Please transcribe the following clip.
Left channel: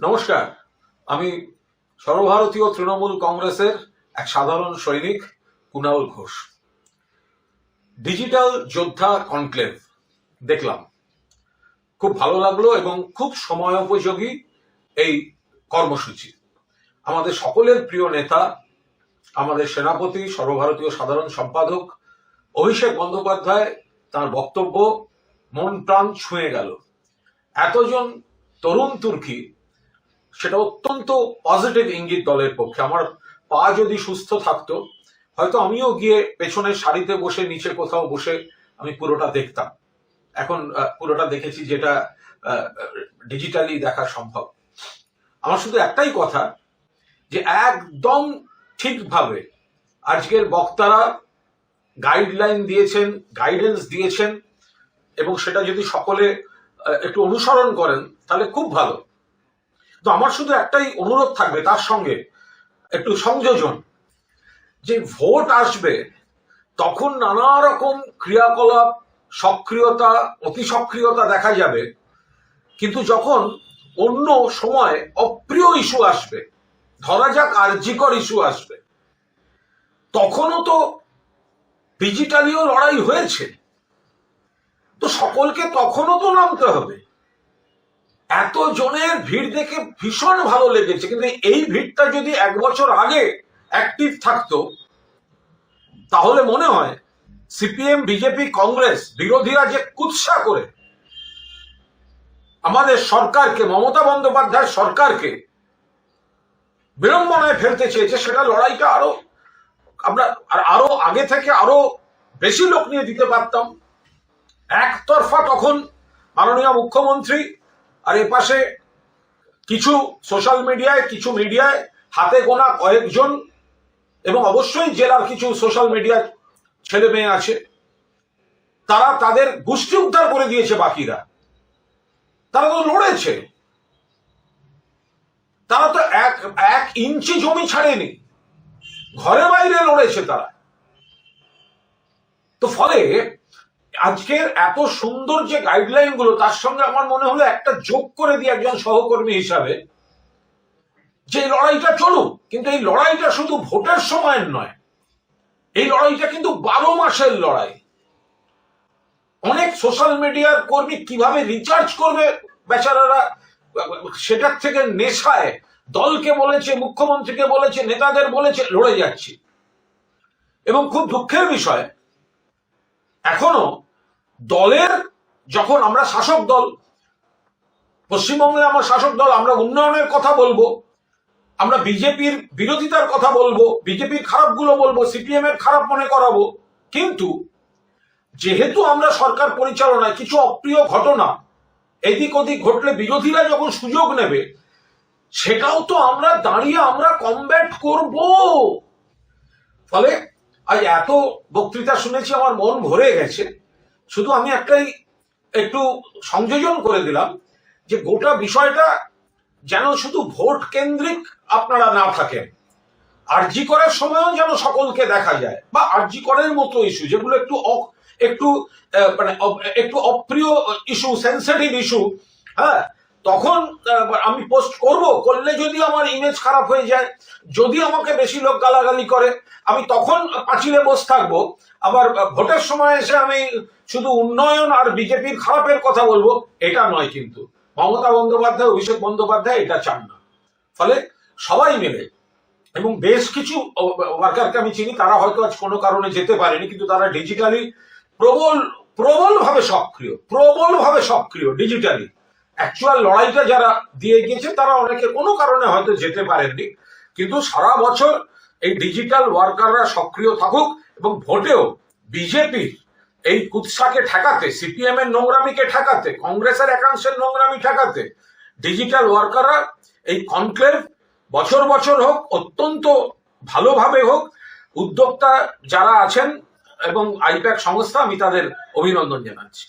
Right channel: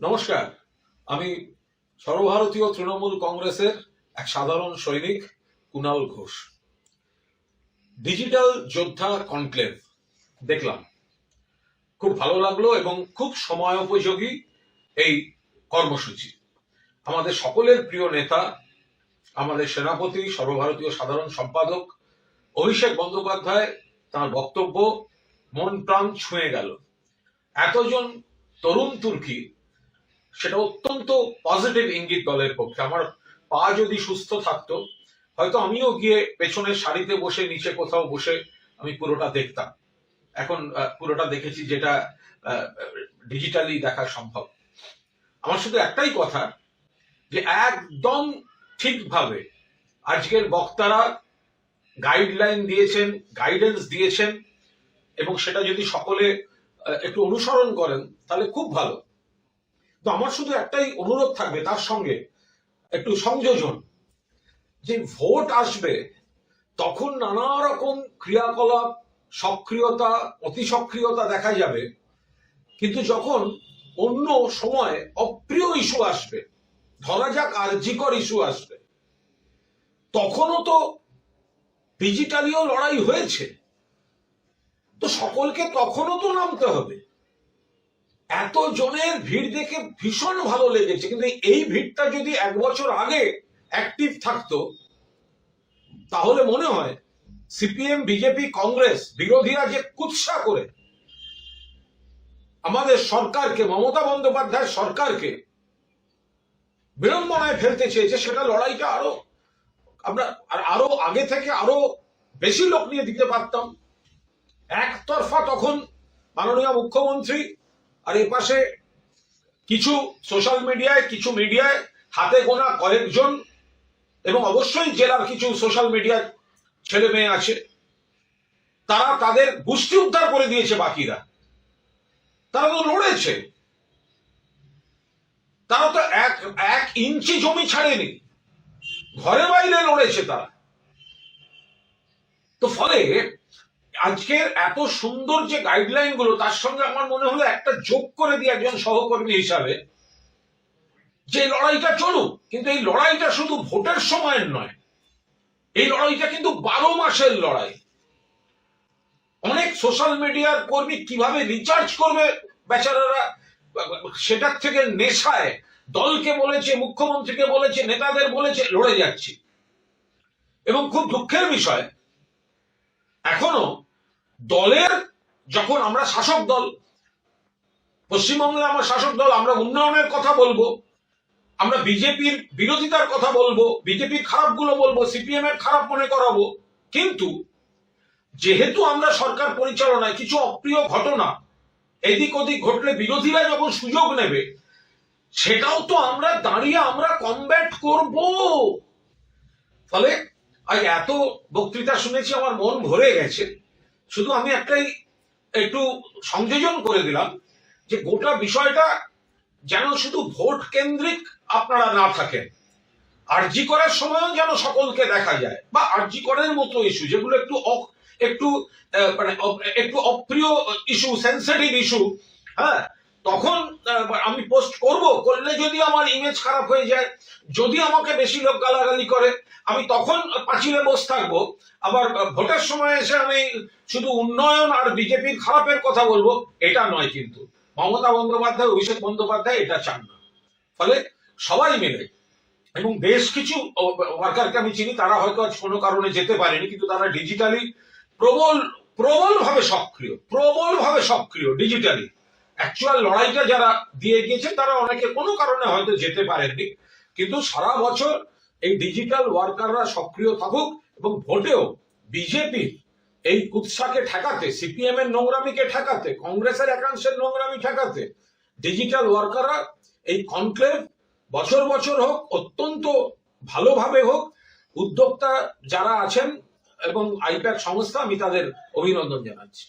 নমস্কার। আমি সর্বভারতীয় তৃণমূল কংগ্রেসের এক সাধারণ সৈনিক কুণাল ঘোষ। ডিজিটাল যোদ্ধা কনক্লেভ দেখলাম, খুব ভালো লাগলো এবং খুব সময়োপযোগী এই কর্মসূচি। আমাদের সকলের প্রিয় নেতা, আমাদের সেনাপতি, সর্বভারতীয় সাধারণ সম্পাদক অভিষেক বন্দ্যোপাধ্যায়, তার বক্তব্য মন প্রাণ ছুঁয়ে গেল। এতজন তরুণ তুর্কি, সেটা অত্যন্ত পজিটিভ ইঙ্গিত দলের পক্ষে। আমার পা যদি সুস্থ থাকতো, হয়তো আমিও গিয়ে পেছনের সারিতে বসে নিচে কোথাও বসে আমি পুরোটা দেখতাম। এখন পুরোটা দেখেছি, যেটা ডিজিটালি দেখা সম্ভব। আমার শুধু একটাই কথা, যে একদম ঠিকভাবে আজকের বক্তারা গাইডলাইন দিয়েছেন, গাইডেন্স দিয়েছেন, এবং সেটা যদি সকলে একটু অনুসরণ করেন তাহলে খুব ভালো। তো আমার শুধু একটাই অনুরোধ থাকবে, তার সঙ্গে একটু সংযোজন, যে ভোট আসবে তখন নানা রকম ক্রিয়াকলাপ, সক্রিয়তা, অতি সক্রিয়তা দেখা যাবে, কিন্তু যখন অন্য সময় অপ্রিয় ইস্যু আসবে, ধরা যাক আরজিকর ইস্যু আসবে, তখনও তো ডিজিটালিও লড়াই হয়েছে, তো সকলকে তখনও তো নামতে হবে। এত জনের ভিড় দেখে ভীষণ ভালো লেগেছে, কিন্তু এই ভিড়টা যদি এক বছর আগে অ্যাক্টিভ থাকতো, তাহলে মনে হয় সিপিএম, বিজেপি, কংগ্রেস বিরোধীরা যে কুৎসা করে আমাদের সরকারকে, মমতা বন্দ্যোপাধ্যায় সরকারকে বিড়ম্বনায় ফেলতে চেয়েছে, সেটা লড়াইটা আরো আগে থেকে আরো বেশি লোক নিয়ে দিতে পারতাম। একতরফা তখন মাননীয় মুখ্যমন্ত্রী, আর এপাশে কিছু সোশ্যাল মিডিয়ায়, কিছু মিডিয়ায় হাতে গোনা কয়েকজন, এবং অবশ্যই জেলার কিছু সোশ্যাল মিডিয়া ছেলে মেয়ে আছে, তারা তাদের গোষ্ঠী উদ্ধার করে দিয়েছে। বাকিরা তারা তো লড়েছে, তারা তো এক ইঞ্চি জমি ছাড়েনি, ঘরে বাইরে লড়েছে তারা। তো ফলে আজকের এত সুন্দর যে গাইডলাইন গুলো, তার সঙ্গে আমার মনে হলো একটা যোগ করে দিয়ে একজন সহকর্মী হিসাবে, যে লড়াইটা চলুক, কিন্তু এই লড়াইটা শুধু ভোটের সময়ের নয়, এই লড়াইটা কিন্তু 12 মাসের লড়াই। অনেক সোশ্যাল মিডিয়ার কর্মী কিভাবে রিচার্জ করবে বেচারারা, সেটার থেকে নেশায় দলকে বলেছে, মুখ্যমন্ত্রীকে বলেছে, নেতাদের বলেছে, লড়ে যাচ্ছি। এবং খুব দুঃখের বিষয়, এখনো দলের, যখন আমরা শাসক দল, পশ্চিমবঙ্গে আমরা শাসক দল, আমরা উন্নয়নের কথা বলবো, আমরা বিজেপির বিরোধিতার কথা বলবো, বিজেপির খারাপগুলো বলবো, সিপিএম এর খারাপ মনে করাবো, কিন্তু যেহেতু আমরা সরকার পরিচালনায় কিছু অপ্রিয় ঘটনা এদিক ওদিক ঘটলে বিরোধীরা যখন সুযোগ নেবে, সেটাও তো আমরা দাঁড়িয়ে আমরা কমব্যাট করব। ফলে আজ এত বক্তৃতা শুনেছি, আমার মন ভরে গেছে। শুধু আমি একটু সংযোজন করে দিলাম, যে গোটা বিষয়টা যেন শুধু ভোট কেন্দ্রিক আপনারা না থাকেন, আরজি করার সময়ও যেন সকলকে দেখা যায়, বা আরজি করার মতো ইস্যু যেগুলো একটু একটু অপ্রিয় ইস্যু, সেন্সিটিভ ইস্যু, হ্যাঁ, তখন আমি পোস্ট করলে যদি আমার ইমেজ খারাপ হয়ে যায়, যদি আমাকে বেশি লোক গালাগালি করে, আমি তখন পাঁচিলে বসে থাকবো। আবার ভোটের সময় এসে আমি শুধু উন্নয়ন আর বিজেপির খারাপের কথা বলবো, এটা নয়। কিন্তু মমতা বন্দ্যোপাধ্যায়, অভিষেক বন্দ্যোপাধ্যায় এটা চান না। ফলে সবাই মিলে, এবং বেশ কিছু ওয়ার্কারকে আমি চিনি, তারা হয়তো আজ কোনো কারণে যেতে পারেনি, কিন্তু তারা ডিজিটালি প্রবলভাবে সক্রিয় ডিজিটালি। অ্যাকচুয়াল লড়াইটা যারা দিয়ে গিয়েছে, তারা অনেকে কোনো কারণে হয়তো যেতে পারেননি, কিন্তু সারা বছর এই ডিজিটাল ওয়ার্কাররা সক্রিয় থাকুক, এবং ভোটেও বিজেপির এই কুৎসাকে ঠেকাতে, সিপিএম এর নোংরামিকে ঠেকাতে, কংগ্রেসের একাংশের নোংরামি ঠেকাতে ডিজিটাল ওয়ার্কাররা এই কনক্লেভ বছর বছর হোক, অত্যন্ত ভালোভাবে হোক। উদ্যোক্তা যারা আছেন এবং আইপ্যাক সংস্থা, আমি তাদের অভিনন্দন জানাচ্ছি।